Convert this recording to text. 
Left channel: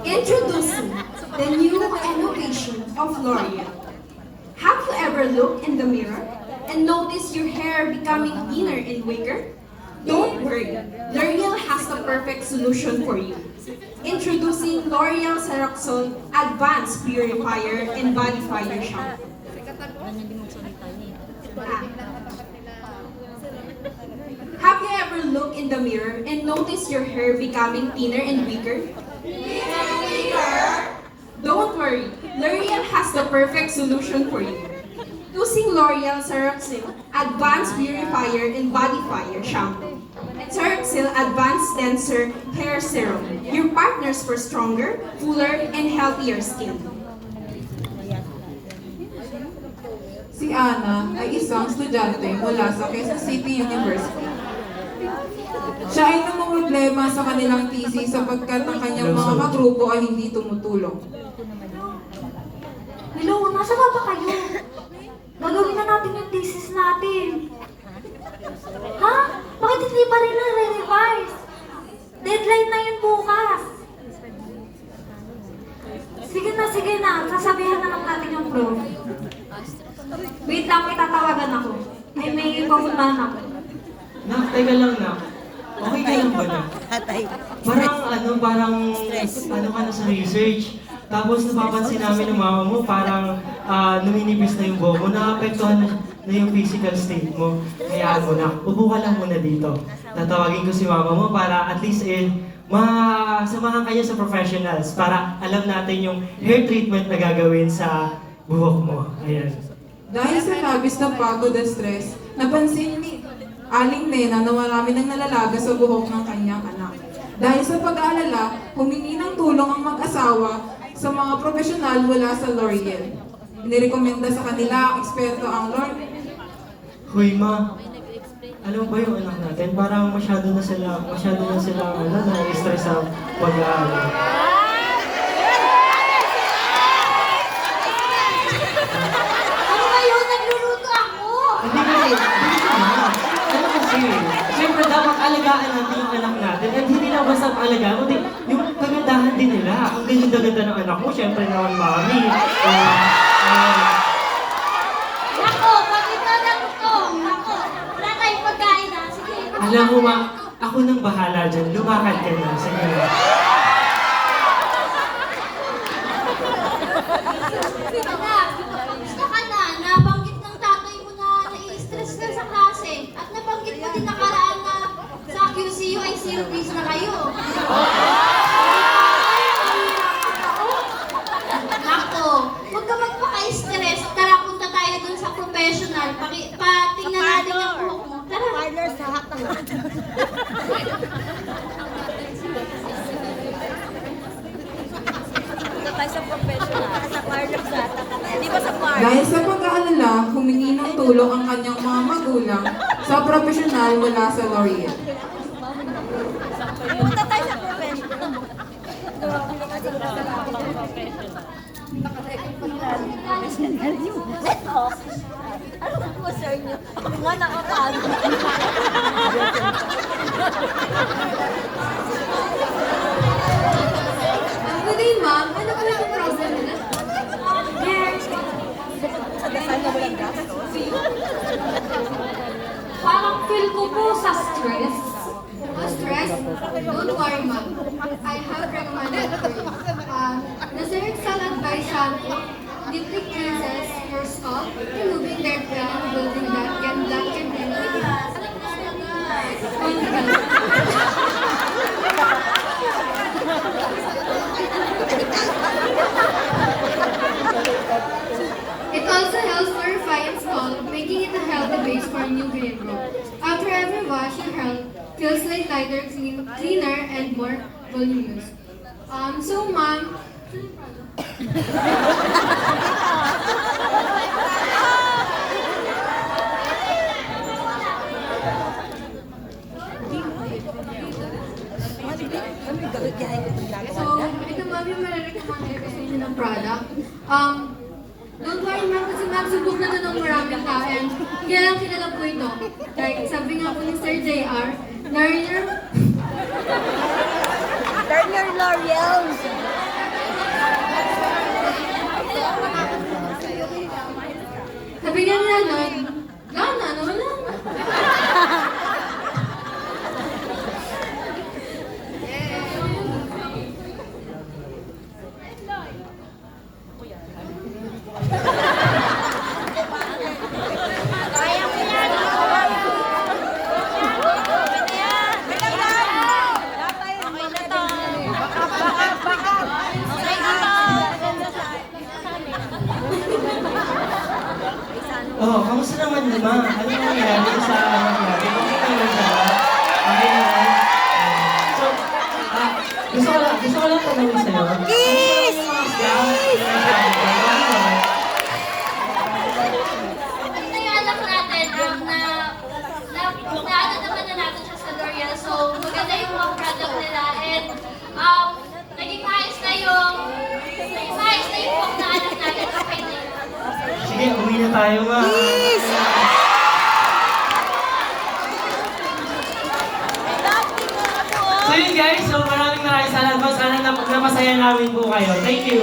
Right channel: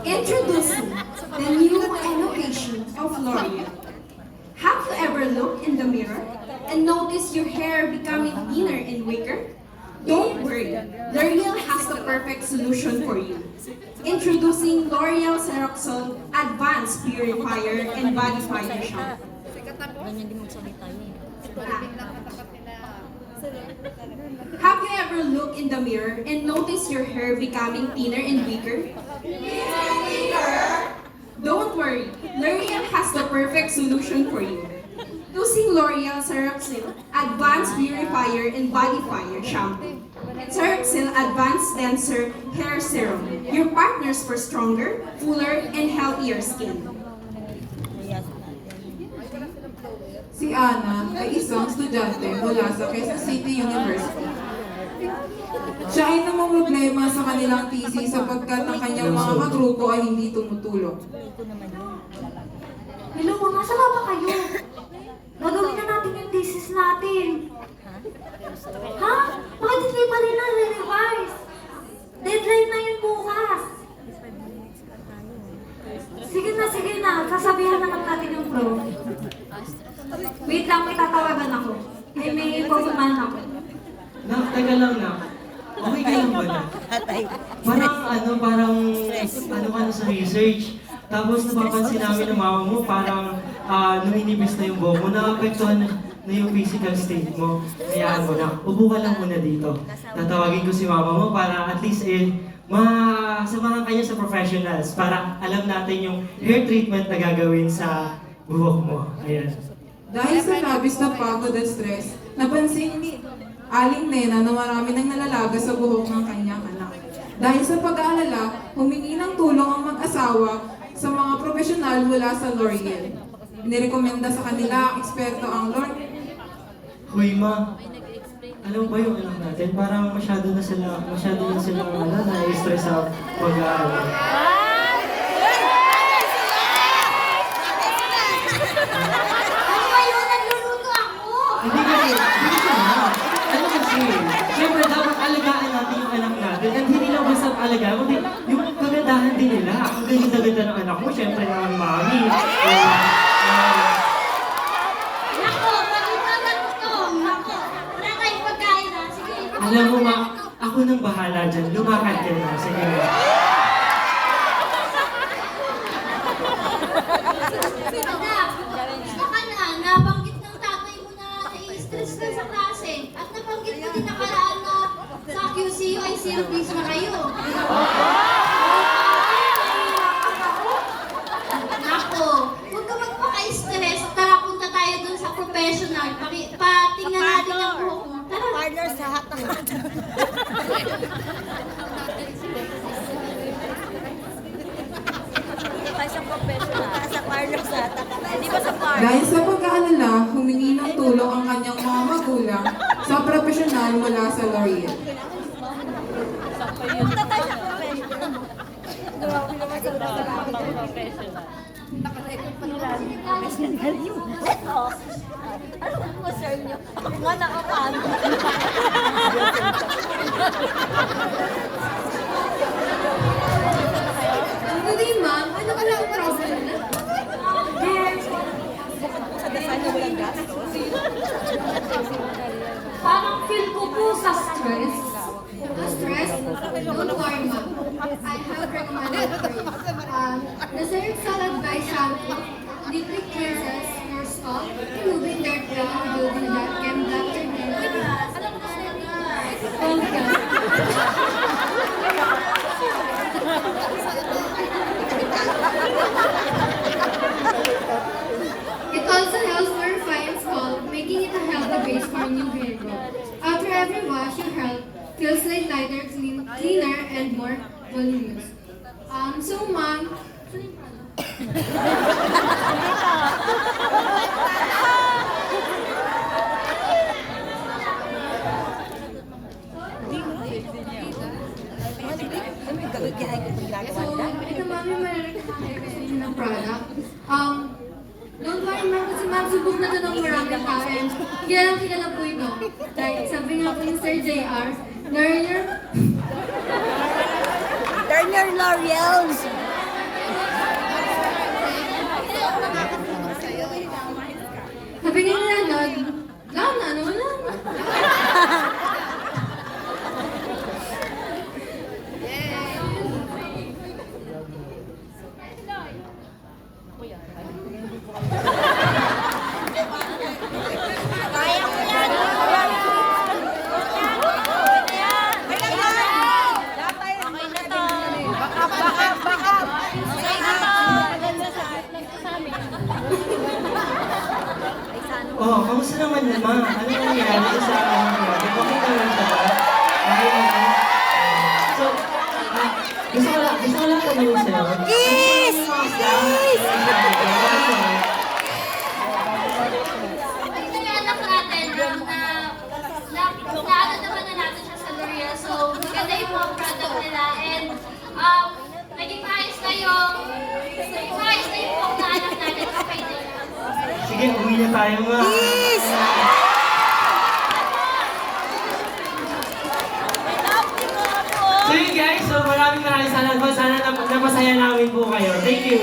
Introducing the new innovation of L'Oreal. Have you ever looked in the mirror and noticed your hair becoming thinner and weaker? Don't worry, L'Oreal has the perfect solution for you. Introducing L'Oreal Ceroxol Advanced Purifier and Bodyfier Shampoo. Have you ever looked in the mirror and noticed your hair becoming thinner and weaker? Don't worry, L'Oreal has the perfect solution for you. Using L'Oreal Ceroxil Advanced Purifier and Bodyfier Shampoo. Ceroxil Advanced Denser Hair Serum, your partners for stronger, fuller, and healthier skin. Si Ana ay isang estudyante mula sa Quezon City University. Siya ay namumroblema sa kanilang thesis sapagkat ang kanyang mga kagrupo ay hindi tumutulong. Hello, nasa na ba kayo? Gagawin na natin yung thesis natin. Ha? Bakit hindi pa rin na-revise? Deadline na yun bukas. Sige na. Sasabihin na lang natin yung pro. Wait lang, may tatawagan ako. May pupuntahan ako. Nak, teka lang na. Okay ka lang ba na? Parang ka na sa research. Tapos napapansin namin ng mama mo, parang numinibis na yung buhok mo, naapektuhan na yung physical state mo. Kaya mo na, upo ka lang muna dito. Tatawagin ko si mama mo para at least masamahan kayo sa professionals para alam natin yung hair treatment na gagawin sa buhok mo. Ayan. Dahil sa labis na pagod at stress, napansin ni Aling Nena na marami nang nalalaga sa buhok ng kanyang anak. Dahil sa pag-aalala, humingi ng tulong ang mag-asawa sa mga profesional mula sa L'Oreal. Inirekomenda sa kanila ang eksperto ang L'Oreal. Hoy ma, alam ba yung anak natin? Parang masyado na sila na-stress sa pag-aaral. Ano ba yun? Nagluluto ako! Hindi ka na. Ano kasi, siyempre dapat alagaan natin yung anak natin. At hindi lang basta alagaan, kundi yung kagandahan din nila. Kung din yung gaganda ng anak mo, siyempre naman mami. Nako, pagkita na ito! Nako, wala tayong pagkain na. Sige. Alam mo ma, ako nang bahala dyan. Lumakad ka na. Sige na. Gusto ka na, nabanggit ng tatay mo na nai-stress ka sa klase. At nabanggit mo din nakaraan na sa QCU ay silbies na kayo. Nako, huwag ka magpaka-stress. Tara, punta tayo dun sa professional. Patingnan natin yung buhok mo. Tara. Partner sa Tayo sa professional. Sa partner sa Di ba sa partner? Dahil sa pag-aalala, humingi ng tulong ang kanyang mga magulang sa profesional mula sa L'Oreal. Punta tayo sa professional. Professional yun. Ito. Anong concern nyo? Ako nga nakapano. Okay ma'am, ano po yung problem niya? Yes. Sa dasal na walang gastos. Parang feel ko po sa stress. Stress? Don't worry ma'am. I have recommended for you. The Ceroxal Advice Shampoo deeply cleanses your scalp, removing dead hair and building that can block your It also helps purify and scalp, making it a healthy base for new hair growth. After every wash, your hair feels like lighter, cleaner, and more voluminous. So ma'am, so ito ma'am yung marirecommend ko sa inyo ng product. Don't worry, ma'am, kasi ma'am, subok na doon ng maraming tao. And kilala po ito. Like, sabi nga po ni Sir JR, learner, Turn your L'Oreal. sabi nga nila doon, gana, ano, wala na. Okay na to. Okay na to. Ay, sana. Oh, kamusta naman naman? Ano nangyayari sa nangyayari? Bakit ka lang ba? Okay naman? So, gusto ko lang tanongin sa'yo. Kiss! Kasi yung anak natin, naano naman na natin siya sa L'Oreal. So, maganda yung mga product nila. And, naging maayos na yung book na anak natin. Okay na yun. Sige, uwi na tayo ma. May dating ko na po. So yun guys, so maraming salamat po. Sana napasaya namin po kayo. Thank you.